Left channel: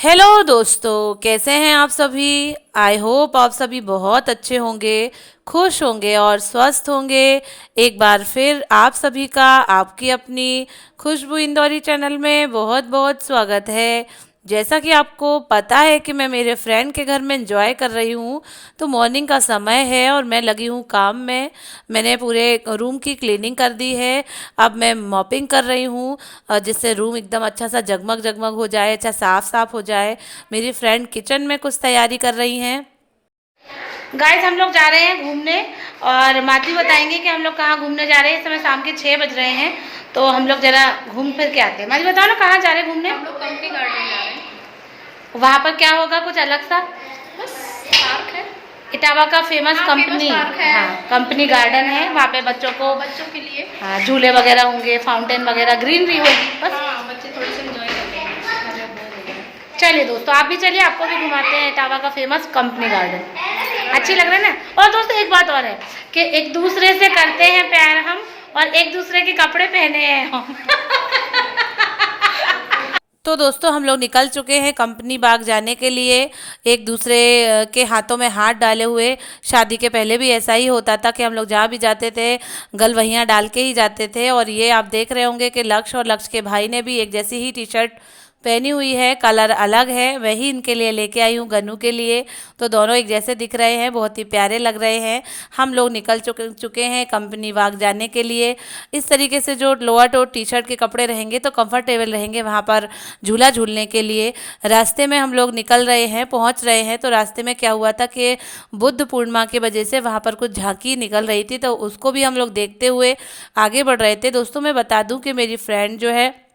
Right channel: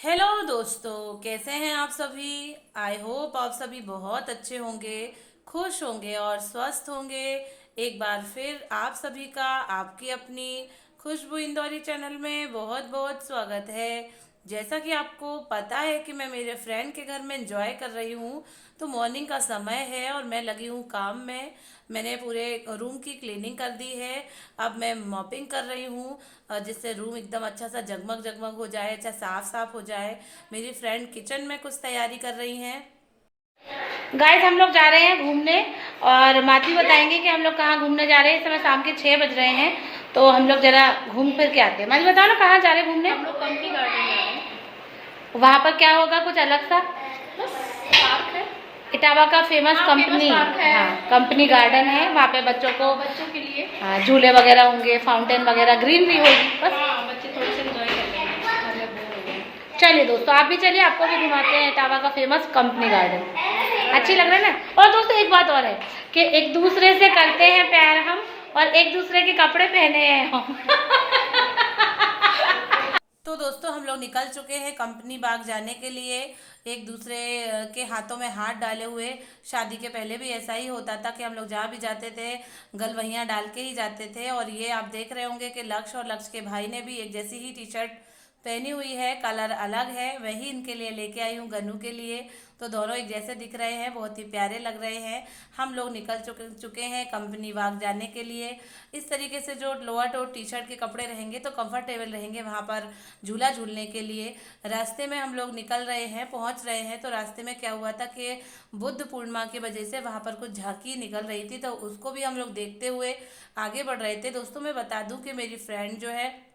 Hello दोस्तों, कैसे हैं आप सभी। आई होप आप सभी बहुत अच्छे होंगे, खुश होंगे और स्वस्थ होंगे। एक बार फिर आप सभी का आपकी अपनी खुशबू इंदौरी चैनल में बहुत बहुत स्वागत है। जैसा कि आपको पता है कि मैं मेरे फ्रेंड के घर में एंजॉय कर रही हूँ, तो मॉर्निंग का समय है और मैं लगी हूँ काम में। मैंने पूरे रूम की क्लीनिंग कर दी है। अब मैं मॉपिंग कर रही हूँ, जिससे रूम एकदम अच्छा सा जगमग जगमग हो जाए, अच्छा साफ साफ हो जाए। मेरी फ्रेंड किचन में कुछ तैयारी कर रही हैं। गाइस, हम लोग जा रहे हैं घूमने और माती बताएंगे कि हम लोग कहाँ घूमने जा रहे हैं। इस समय शाम के 6 बज रहे हैं, तो हम लोग जरा घूम फिर के आते हैं। माती बताओ ना, कहाँ जा रहे हैं घूमने। हम लोग कंपनी गार्डन जा रहे हैं। वहाँ पर क्या होगा, कुछ अलग सा। बस पार्क है। इटावा का फेमस हाँ, फेमस कंपनी, पार्क है। हाँ कंपनी गार्डन है। वहाँ पे बच्चों को बच्चों के लिए। हाँ, झूले वगैरह होंगे, फाउंटेन वगैरह, ग्रीनरी होगी बस। हाँ, बच्चे थोड़े से एंजॉय कर लेंगे, घर में बोर हो गए। चलिए दोस्तों, आप भी चलिए, आपको भी घुमाते हैं इटावा का फेमस कंपनी गार्डन। अच्छी लग रहा है ना। और दोस्तों एक बात और है कि एक दूसरे से करते हैं प्यार हम, और एक दूसरे के कपड़े पहने हैं हम। तो दोस्तों, हम लोग निकल चुके हैं कंपनी बाग जाने के लिए, एक दूसरे के हाथों में हाथ डाले हुए। शादी के पहले भी ऐसा ही होता था कि हम लोग जहाँ भी जाते थे गलवहियाँ डाल के ही जाते थे। और ये आप देख रहे होंगे कि लक्ष्य और लक्ष्य के भाई ने भी एक जैसी ही टी शर्ट पहनी हुई है, कलर अलग है। वही इनके लिए लेके आई हूँ, गन्नू के लिए। तो दोनों एक जैसे दिख रहे हैं, बहुत ही प्यारे लग रहे हैं। हम लोग निकल चुके हैं कंपनी बाग जाने के लिए। इस तरीके से जो लोअर और टी शर्ट के कपड़े रहेंगे तो कंफर्टेबल रहेंगे वहाँ पर झूला झूलने के लिए। रास्ते में हम लोग निकल रहे हैं, पहुँच रहे हैं। तो रास्ते में क्या हुआ था कि बुद्ध पूर्णिमा की वजह से वहाँ पर कुछ झांकी निकल रही थी, तो उसको भी हम लोग देखते हुए आगे बढ़ रहे थे। दोस्तों मैं बता दूं कि मेरी फ्रेंड जो है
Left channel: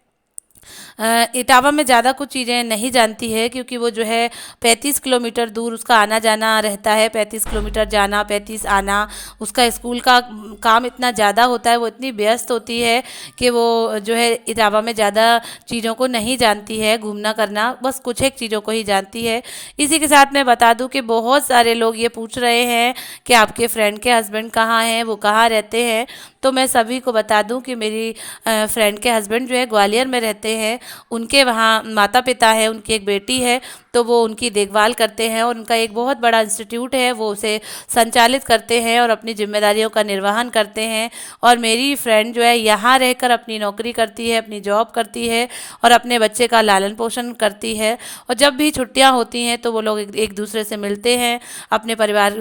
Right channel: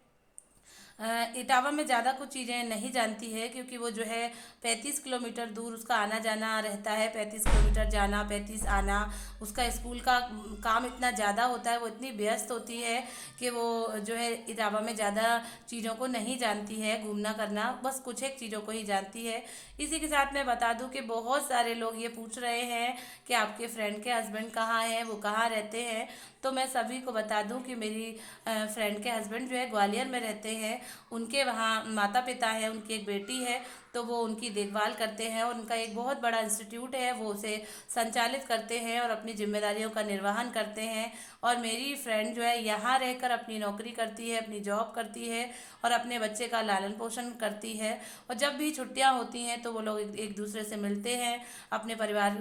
इटावा में ज़्यादा कुछ चीज़ें नहीं जानती है, क्योंकि वो जो है 35 किलोमीटर दूर उसका आना जाना रहता है। 35 किलोमीटर जाना, 35 आना। उसका स्कूल का काम इतना ज़्यादा होता है, वो इतनी व्यस्त होती है कि वो जो है इटावा में ज़्यादा चीज़ों को नहीं जानती है। घूमना करना बस कुछ एक चीज़ों को ही जानती है। इसी के साथ मैं बता दूं कि बहुत सारे लोग ये पूछ रहे हैं कि आपके फ्रेंड के हस्बैंड कहाँ हैं, वो कहाँ रहते हैं। तो मैं सभी को बता दूं कि मेरी फ्रेंड के हस्बैंड जो है ग्वालियर में रहते हैं। उनके वहाँ माता पिता है, उनकी एक बेटी है, तो वो उनकी देखभाल करते हैं और उनका एक बहुत बड़ा इंस्टीट्यूट है, वो उसे संचालित करते हैं और अपनी जिम्मेदारियों का निर्वहन करते हैं। और मेरी फ्रेंड जो है यहाँ रहकर अपनी नौकरी करती है, अपनी जॉब करती है और अपने बच्चे का लालन पोषण करती है। और जब भी छुट्टियाँ होती हैं तो वो लोग एक दूसरे से मिलते हैं, अपने परिवार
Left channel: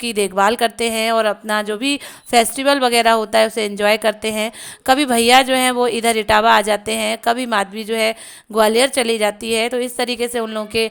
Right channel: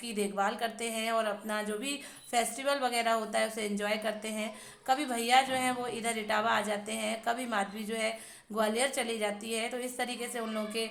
की देखभाल करते हैं और अपना जो भी फेस्टिवल वगैरह होता है उसे एंजॉय करते हैं। कभी भैया जो हैं वो इधर इटावा आ जाते हैं, कभी माधवी जो है ग्वालियर चली जाती है। तो इस तरीके से उन लोगों के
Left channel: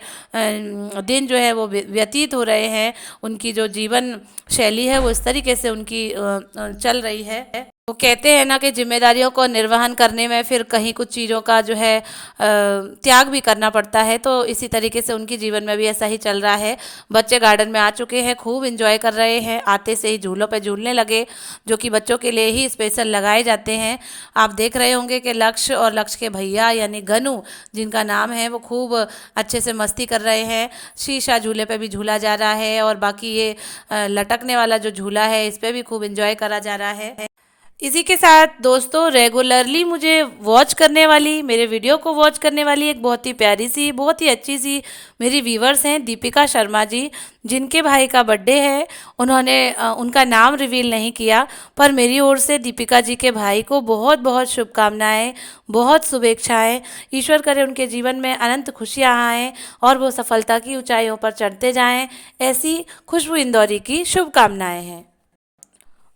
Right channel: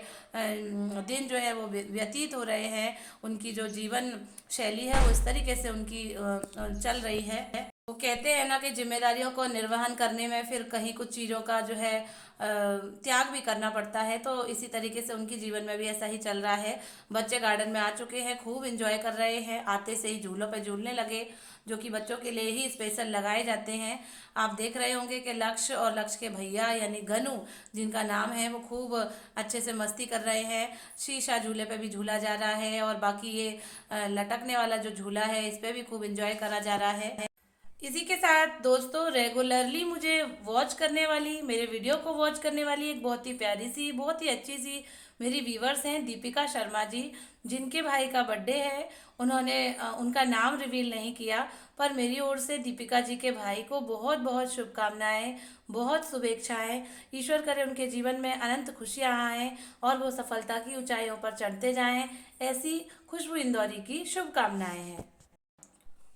दिन जो है वो व्यतीत हो रहे हैं। उनकी जो जीवन शैली है वो इस तरीके से उनकी चल रही है। वो कहते हैं ना कि जिम्मेदारियों को निर्वहन करने में फिर कहीं कुछ चीज़ों का जो है त्याग भी करना पड़ता है। तो इसी तरीके से उनके जीवन में भी ऐसा ही चल रहा है। बच्चे गार्डन में आ चुके हैं, खूब इंजॉय कर रहे हैं। आते से ही झूलों पे झूलने लगे, जो कि बच्चों के लिए ही स्पेशल लगाए जाते हैं। आप देख रहे होंगे कि लक्ष्य और लक्ष्य के भैया यानी गनू जिनका नाम है, वो खूब अच्छे से मस्ती कर रहे हैं। शीशा झूले पे भी झूला जा रहा है और बाकी ये लटकने वाला जो झूला है इस पर भी खूब इंजॉय करा जा रहा है। इसी के साथ दोस्तों, रेगुलरली मुझे वॉच करने वाली, मेरे वीडियो को वॉच करने वाली एक बहुत ही प्यारी सी, बहुत ही अच्छी सी मेरी व्यूवर्स हैं, दीपिका शर्मा जी, जिनके भाई का बर्थडे है। उन्होंने उनका नाम रिवील नहीं किया, पर मेरी ओर से दीपिका जी के भाई को बहुत बहुत शुभकामनाएं, बहुत शुभेच्छाएं। ईश्वर करे उनके जीवन में अनंत खुशियाँ आएँ और वो सफलता की ऊंचाइयों पर चढ़ते जाएं। ऐसी खुशबू इंदौरी की शुभकामनाएं हैं।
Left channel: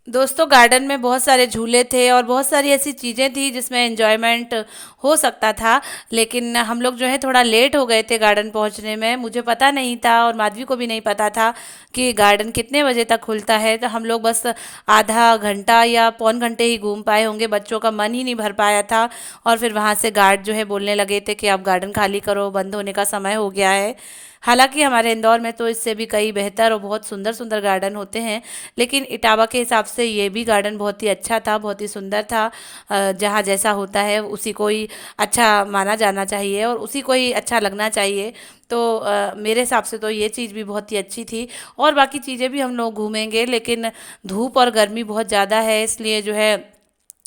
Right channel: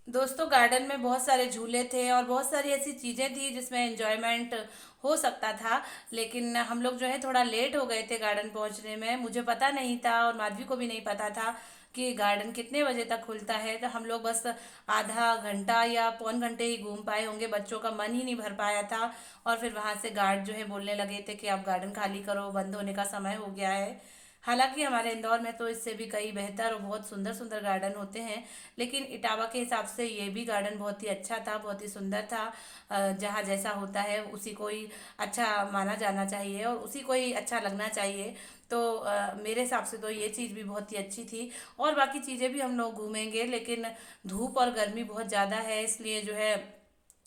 दोस्तों, गार्डन में बहुत सारे झूले थे और बहुत सारी ऐसी चीज़ें थी जिसमें एंजॉयमेंट हो सकता था, लेकिन हम लोग जो है थोड़ा लेट हो गए थे गार्डन पहुंचने में। मुझे पता नहीं था और माधवी को भी नहीं पता था कि गार्डन कितने बजे तक खुलता है। तो हम लोग बस आधा घंटा या पौन घंटे ही घूम पाए होंगे, बच्चों का मन ही नहीं भर पाया था। और फिर वहाँ से गार्ड जो है बोलने लगे थे कि अब गार्डन खाली करो, बंद होने का समय हो गया है। हालांकि हमारे इंदौर में तो इससे भी कई बेहतर और बहुत सुंदर सुंदर गार्डन होते हैं, लेकिन इटावा के हिसाब से ये भी गार्डन बहुत ही अच्छा था, बहुत ही सुंदर था। जहाँ जैसा होता है उसी को ही अच्छा माना जाना चाहिए और उसी को ही अच्छा लगना चाहिए। तो मेरे हिसाब से तो ये चीज़ भी बहुत ही अच्छी थी। और बाकी चीज़ें भी हम लोग घूमेंगे, लेकिन धूप और गर्मी बहुत ज़्यादा है, इसलिए जो है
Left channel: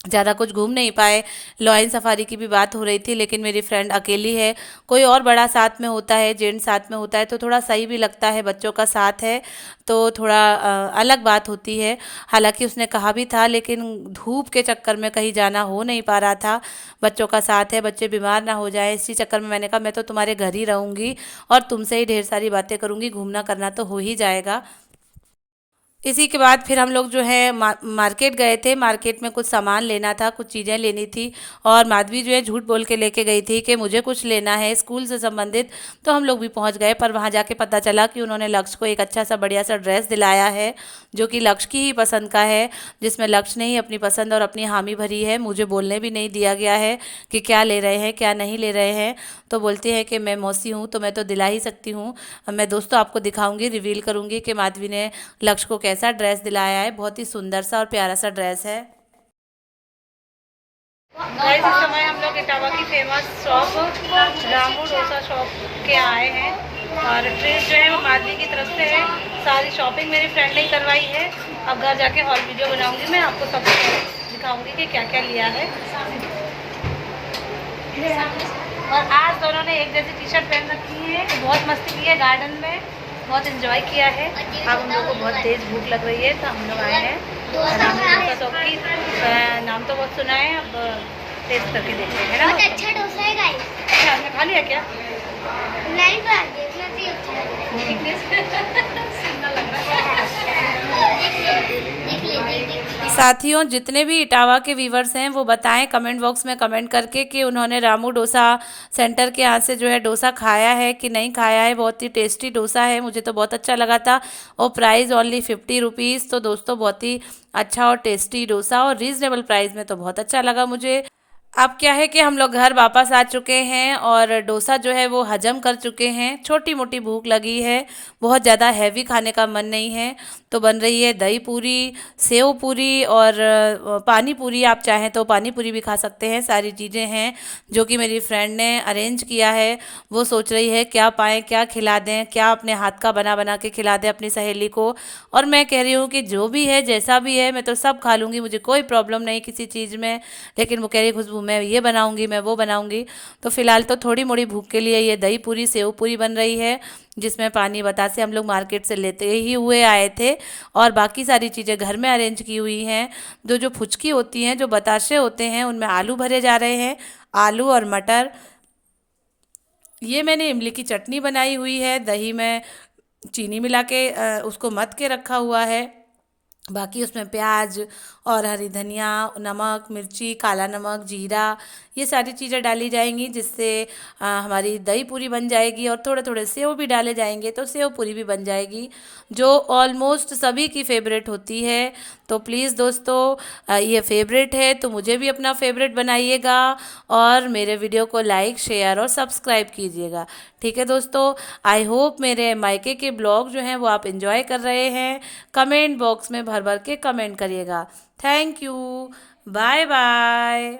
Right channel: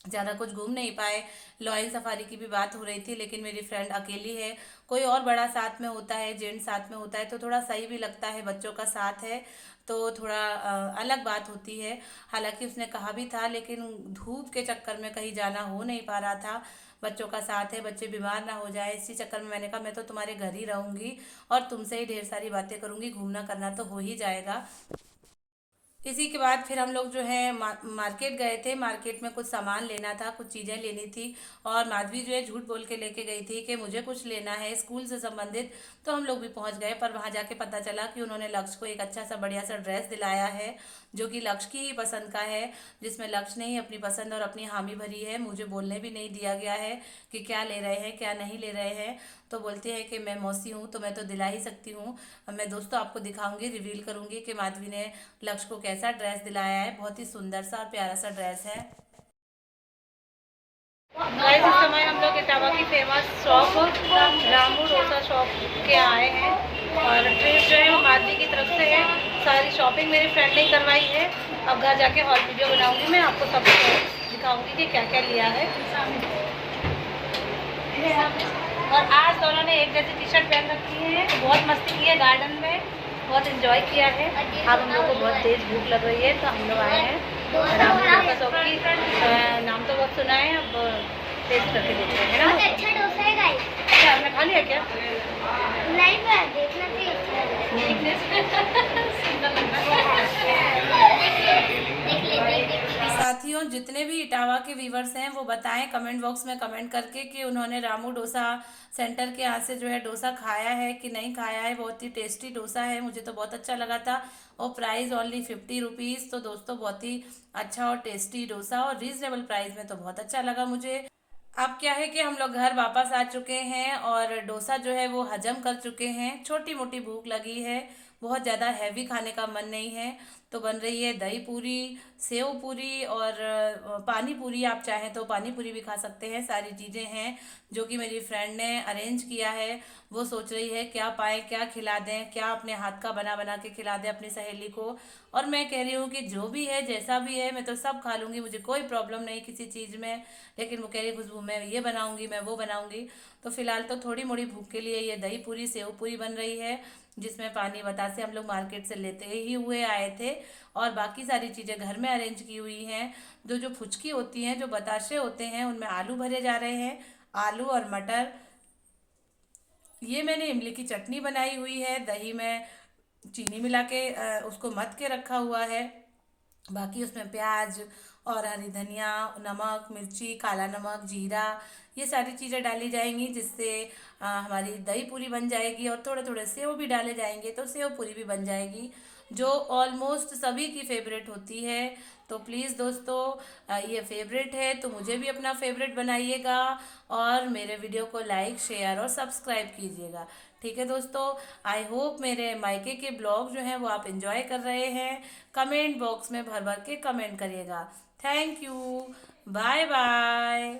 ज़्यादा कुछ घूम नहीं पाए। लॉयन सफारी की भी बात हो रही थी, लेकिन मेरी फ्रेंड अकेली है। कोई और बड़ा साथ में होता है, जेंट साथ में होता है तो थोड़ा सही भी लगता है। बच्चों का साथ है तो थोड़ा अलग बात होती है। हालांकि उसने कहा भी था, लेकिन धूप के चक्कर में कहीं जाना हो नहीं पा रहा था। बच्चों का साथ है, बच्चे बीमार ना हो जाए, इसी चक्कर में मैंने कहा मैं तो तुम्हारे घर ही रहूँगी और तुमसे ही ढेर सारी बातें करूँगी, घूमना करना तो हो ही जाएगा। इसी के बाद फिर हम लोग जो है मार्केट गए थे। मार्केट में कुछ सामान लेना था, कुछ चीज़ें लेनी थी। और माधवी जो है झूठ बोल के लेके गई थी कि मुझे कुछ लेना है स्कूल से संबंधित। तो हम लोग भी पहुंच गए, पर वहां जाके पता चला कि उन्होंने लक्ष्य को एक अच्छा सा बढ़िया सा ड्रेस दिलाया है, जो कि लक्ष्य की ही पसंद का है, जिसमें लक्ष्य ने ही अपनी पसंद और अपनी हामी भरी है। मुझे बोलने भी नहीं दिया गया है कि क्या ले रहे हैं क्या नहीं ले रहे हैं। तो बोलती है कि मैं मौसी हूँ तो मैं तो दिला ही सकती हूँ। मैं दोस्तों आपको दिखाऊंगी, रिवील करूंगी कि माधवी ने लक्ष्य को कैसा ड्रेस दिलाया है। बहुत ही सुंदर सा और प्यारा सा ड्रेस है। गाइस इस समय हम लोग इटावा की famous shop Ramu dosa shop के आए हैं और ट्रेन जो है वो माधवी की तरफ से है। सारी शॉपिंग मेरी फ्रेंड ने करवाई है। अब घर जाके हॉल वीडियो बनाऊंगी, मैं आपको सब दिखाऊंगी कि क्या क्या लिया है। और आज दोनों ने एक जैसी टी शर्ट पहन रखी है, तो बहुत मस्ती की है गार्डन में, बहुत एंजॉय किया है। अब हम लोग को बहुत तेज़ भूख लग रही है तो हम लोग आए हैं रामू डोसा शॉप की। नाम तो बहुत सुना है, अब टेस्ट करके देखते हैं ना। बहुत अच्छा डोसा है गाइस। अच्छा आपने खा लिया क्या? नहीं बात देखना चाहिए, अच्छा लग रहा है। साथियों, जितने भी इटावा के व्यूवर्स हैं वो बताएं कमेंट बॉक्स में कमेंट करके कि उन्होंने रामू डोसा सेंटर के यहाँ से जो है डोसा खाया है कि नहीं खाया है। बहुत ही टेस्टी डोसा है, मुझे तो बहुत अच्छा लगा था। और प्राइस ओनली 50 रुपीज़। तो दोस्तों बहुत ही अच्छा और टेस्टी डोसा और रीज़नेबल प्राइस में तो बहुत अच्छा लगा मुझे। अब क्या है कि हम लोग घर वापस आ चुके हैं और डोसा जो है वो हजम कर चुके हैं। छोटी मोटी भूख लगी है, बहुत ज़्यादा हैवी खाने का मन नहीं है। तो बन रही है दही पूरी, सेव पूरी और पानी पूरी। आप चाहें तो पानी पूरी भी खा सकते हैं। सारी चीज़ें हैं जो कि मेरी फ्रेंड ने अरेंज किया है। वो सोच रही है क्या पाएँ, क्या खिला दें, क्या अपने हाथ का बना बना के खिला दें अपनी सहेली को। और मैं कह रही हूँ कि जो भी है जैसा भी है मैं तो सब खा लूँगी, मुझे कोई प्रॉब्लम नहीं किसी चीज़ में। लेकिन वो कह रही है खुशबू मैं ये बनाऊंगी, मैं वो बनाऊंगी। तो फिलहाल तो थोड़ी मोड़ी भूख के लिए ये दही पूरी सेव पूरी बन रही है, जिसमें पानी बतासे हम लोग मार्केट से लेते ही हुए आए थे। और बाकी सारी चीज़ें घर में अरेंज की हुई हैं। जो जो फुचकी होती हैं, जो बताशे होते हैं, उनमें आलू भरे जा रहे हैं, आलू और मटर। ये मैंने इमली की चटनी बनाई हुई है, दही में चीनी मिला के उसको मथ के रखा हुआ है। बाकी उसमें प्याज और हरी धनिया, नमक, मिर्ची, काला नमक, जीरा, ये सारी चीज़ें डाली जाएंगी, जिससे हमारी दही पूरी बन जाएगी। और थोड़े थोड़े सेव भी डाले जाएंगे तो सेव पूरी भी बन जाएगी, जो ऑलमोस्ट सभी की फेवरेट होती है। तो प्लीज़ दोस्तों, ये फेवरेट है तो मुझे भी अपना फेवरेट बनाइएगा और मेरे वीडियो को लाइक शेयर और सब्सक्राइब कीजिएगा। ठीक है दोस्तों, आई होप मेरे मायके के ब्लॉग जो हैं वो आप इंजॉय कर रहे हैं। कमेंट बॉक्स में भर भर के कमेंट करिएगा। Thank you, bye bye.